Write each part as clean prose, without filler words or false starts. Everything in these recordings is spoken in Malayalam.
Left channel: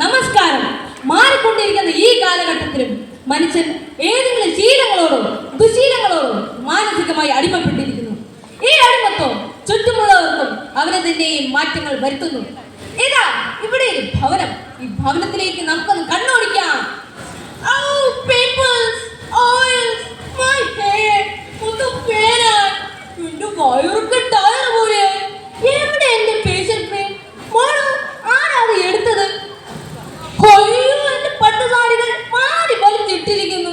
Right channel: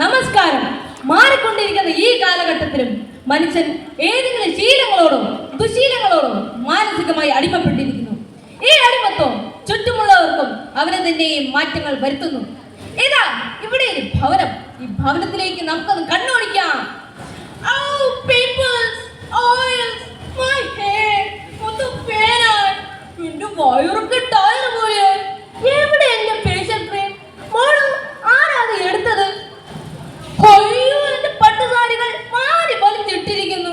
നമസ്കാരം. മാറിക്കൊണ്ടിരിക്കുന്ന ഈ കാലഘട്ടത്തിലും മനുഷ്യൻ ഏതെങ്കിലും ശീലങ്ങളോടും ദുശീലങ്ങളോടും മാനസികമായി അടിമപ്പെട്ടിരിക്കുന്നു. ഈ അടിമത്വം ചുറ്റുമുള്ളവർക്കും അവരെ തന്നെയും മാറ്റങ്ങൾ വരുത്തുന്നു. ഏതാ ഇവിടെ ഒരു ഭവനം. ഈ ഭവനത്തിലേക്ക് നമുക്കൊന്ന് കണ്ണോടിക്കാം. എവിടെ എന്റെ ഫേഷ്യൽ ക്രീം? മോളോ, ആരാത് എടുത്തത്? കൊയ്യോ, എന്റെ പട്ടുസാരികൾ മാറി വലിച്ചിട്ടിരിക്കുന്നു.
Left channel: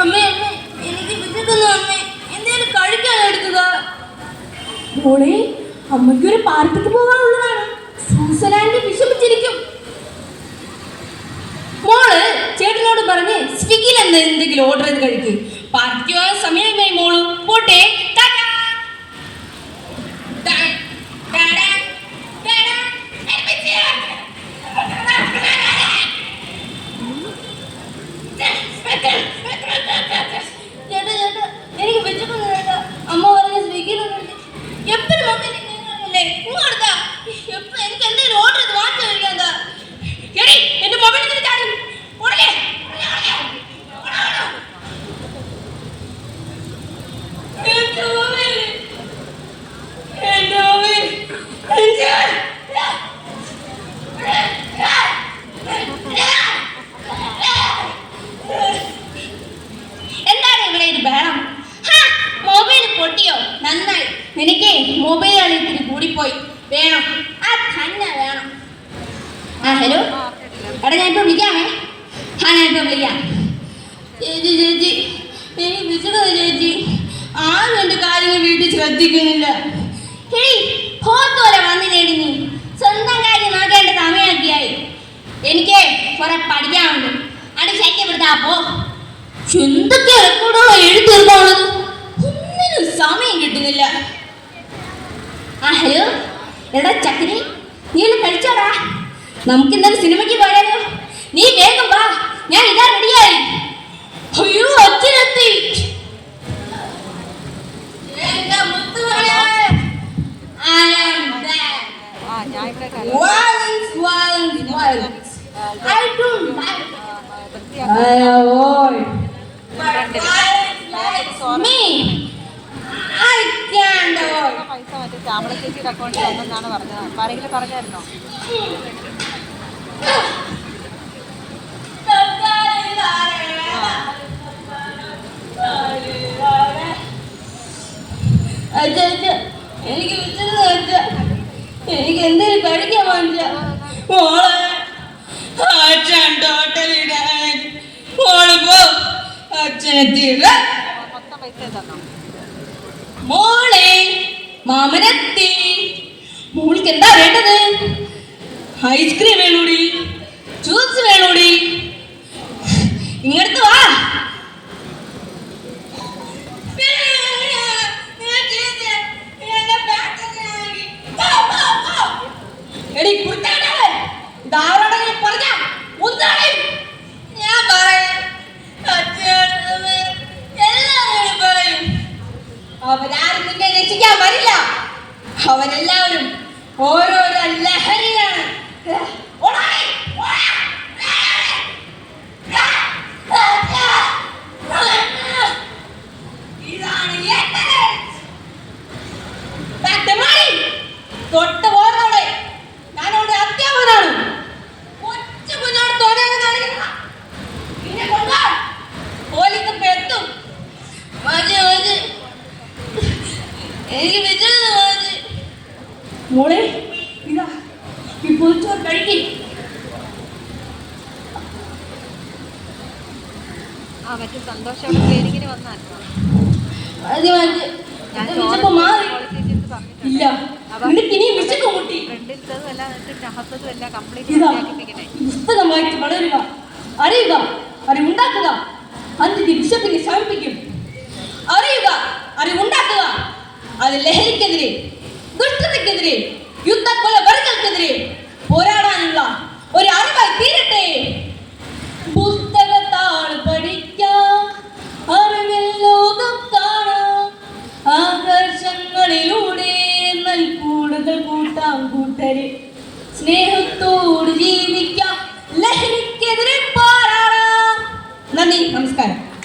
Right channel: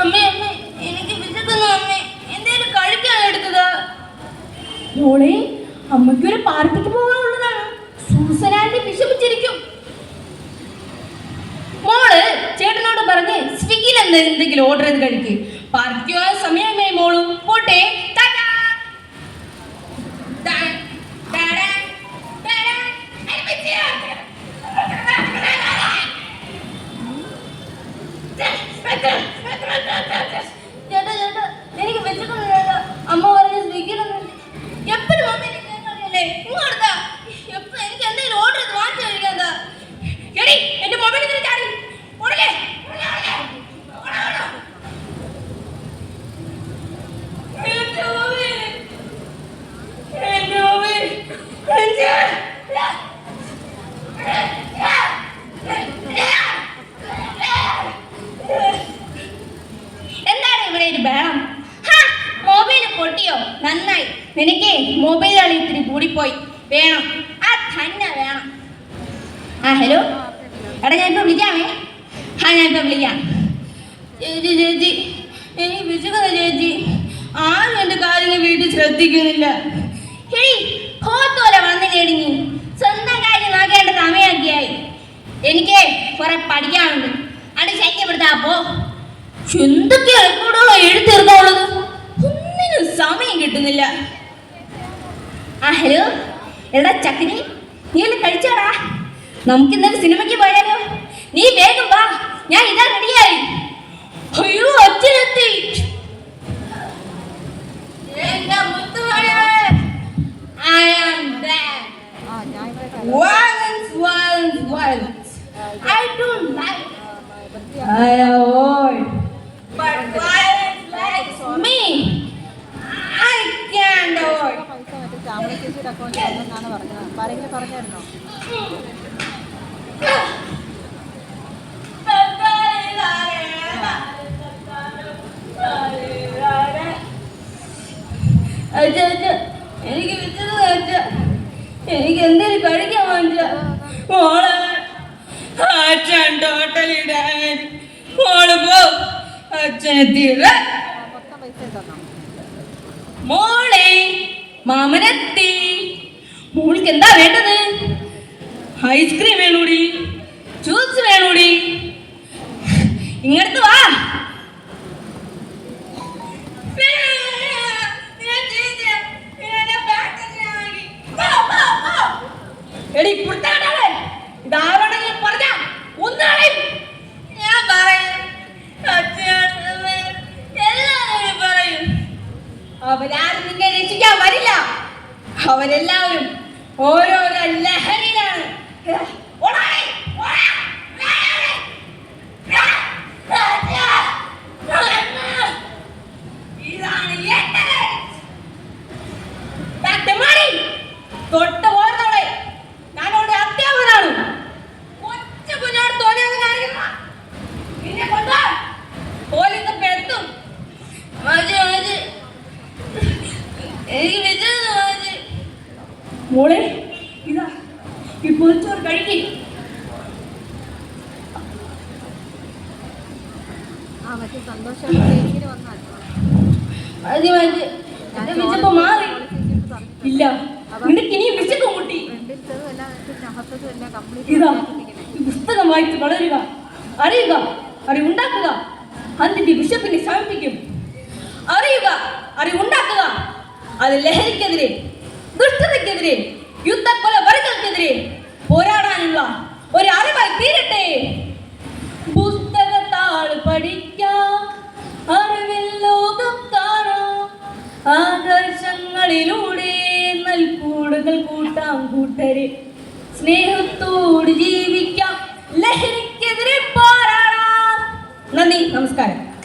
അമ്മേ, അമ്മേ, എനിക്ക് വിശക്കുന്നു അമ്മേ. എന്തേലും കഴിക്കാൻ എടുത്തത്? മോളെ, അമ്മയ്ക്കൊരു പാർട്ടിക്ക് പോകാനുള്ളതാണ്. സൂസനാന്റെ വിശപ്പിച്ചിരിക്കും. മോള് ചേട്ടനോട് പറഞ്ഞ് സ്വിഗ്ഗിയിൽ എന്തെങ്കിലും ഓർഡർ ചെയ്ത് കഴിക്കും. പാർട്ടിക്ക് പോകാൻ സമയമായി മോള്. പോട്ടെ. എനിക്ക് വിശക്കുന്നില്ല. അമ്മ പറഞ്ഞ സ്വിഗ്ഗിയിൽ എപ്പോഴും അമ്മ അല്ലേ എപ്പോഴും എനിക്ക് എന്തെങ്കിലും ഓർഡർ ചെയ്ത് വാങ്ങിച്ചു കഴിക്കാൻ. എന്റെ മൊബൈലിൽ നന്നായി. എനിക്ക് മൊബൈൽ ഇത്തിരി കൂടിപ്പോയി. വേണം, ആ തന്നെ വേണം. ഹലോ, എടാ ഞാനിപ്പോ വിളിക്കാമേ. ഞാനിപ്പോ വിളിക്കാം. ചേച്ചി ചേച്ചി, എനിക്ക് വിശക്കുന്ന ചേച്ചി. ആരും എന്റെ കാര്യങ്ങൾ വീട്ടിൽ ശ്രദ്ധിക്കുന്നില്ല. പോലെ വന്നില്ലേടി നീ? സ്വന്തം കാര്യം നോക്കേണ്ട സമയമൊക്കെയായി. എനിക്ക് കുറെ പഠിക്കാനുണ്ട്. അത് ശല്യപ്പെടുത്താപ്പോ എന്തൊക്കെ കൂടെ എഴുത്തീർക്കാനുള്ളത്. സമയം കിട്ടുന്നില്ല. ഹലോ, എടാ ചക്കരി, നീ ഒന്ന് കഴിച്ചോടാ. നമുക്ക് ഇന്നലെ സിനിമയ്ക്ക് പോയാലോ? നീ വേഗം വാ, ഞാൻ ഇതാ റെഡിയായി. അയ്യോ, അച്ഛനെത്തി. ചേച്ചിയുടെ അക്കൗണ്ടിൽ വന്നെന്നാണ് പറഞ്ഞത്. ആരെങ്കിലും പറഞ്ഞായിരുന്നോ? എനിക്ക് എനിക്ക് എന്തെങ്കിലും കഴിക്കാൻ വാങ്ങിച്ച മോളെ. അച്ഛൻ ടോട്ടലിടാൻ മോള് പോ. അച്ഛനെത്തിയില്ല. മൊത്തം പൈസ തന്നോ? മോളെ, മാമനെത്തി. മോൾക്ക് എന്താ വേണ്ടത്? ഐസ്ക്രീം വേണോടി? ജ്യൂസ് വേണോടി? ഇങ്ങടുത്ത് വാ. എടി പുറത്താണേ ധാരണങ്ങൾ പറഞ്ഞ ഒന്നാണ് ഞാൻ പറയാം. എല്ലാവരും പറയും അവരാരും നിന്നെ രക്ഷിക്കാൻ വരില്ല. അവരെല്ലാവരും ഓരോരോ ലഹരിയാണ്. തൊട്ട പോരത്തോടെ ഞാനോട് അത്യാവനാണ്. ഒറ്റ കുഞ്ഞോട് തോന്നിയത് കാണിക്കുന്ന പിന്നെ കൊണ്ടാ പോലീസ് പെത്തും. എനിക്ക് വിജയ മോളെ, ഇതാ ഈ പൊതിച്ചോറ് കഴിക്കും. മറ്റു സന്തോഷോടെ ക്ലിനിക്കിന് വന്നാൽ വിശപ്പ് മാറി ഇല്ല. പുസ്തകം വായിച്ച് വളരുക, അറിയുക, അറിവുണ്ടാക്കുക. അതിന്റെ വിശപ്പിനെ ശമിപ്പിക്കും. അറിയുക, അറിവുണ്ടാക്കുക. അത് ലഹരിക്കെതിരെ, ദുഷ്ടതയ്ക്കെതിരെ, യുദ്ധക്കൊലവർഗങ്ങൾക്കെതിരെ പോരാടാനുള്ള ഒരു അറിവായി തീരട്ടെ. പുസ്തകത്താൾ പഠിക്കാം, അറിവിൽ ലോകം കാണാം. ആകർഷങ്ങളിലൂടെ നൽകൂടുകൾ കൂട്ടാം കൂട്ടരെ. സ്നേഹത്തോട് ജീവി നന്ദി, നമസ്കാരം.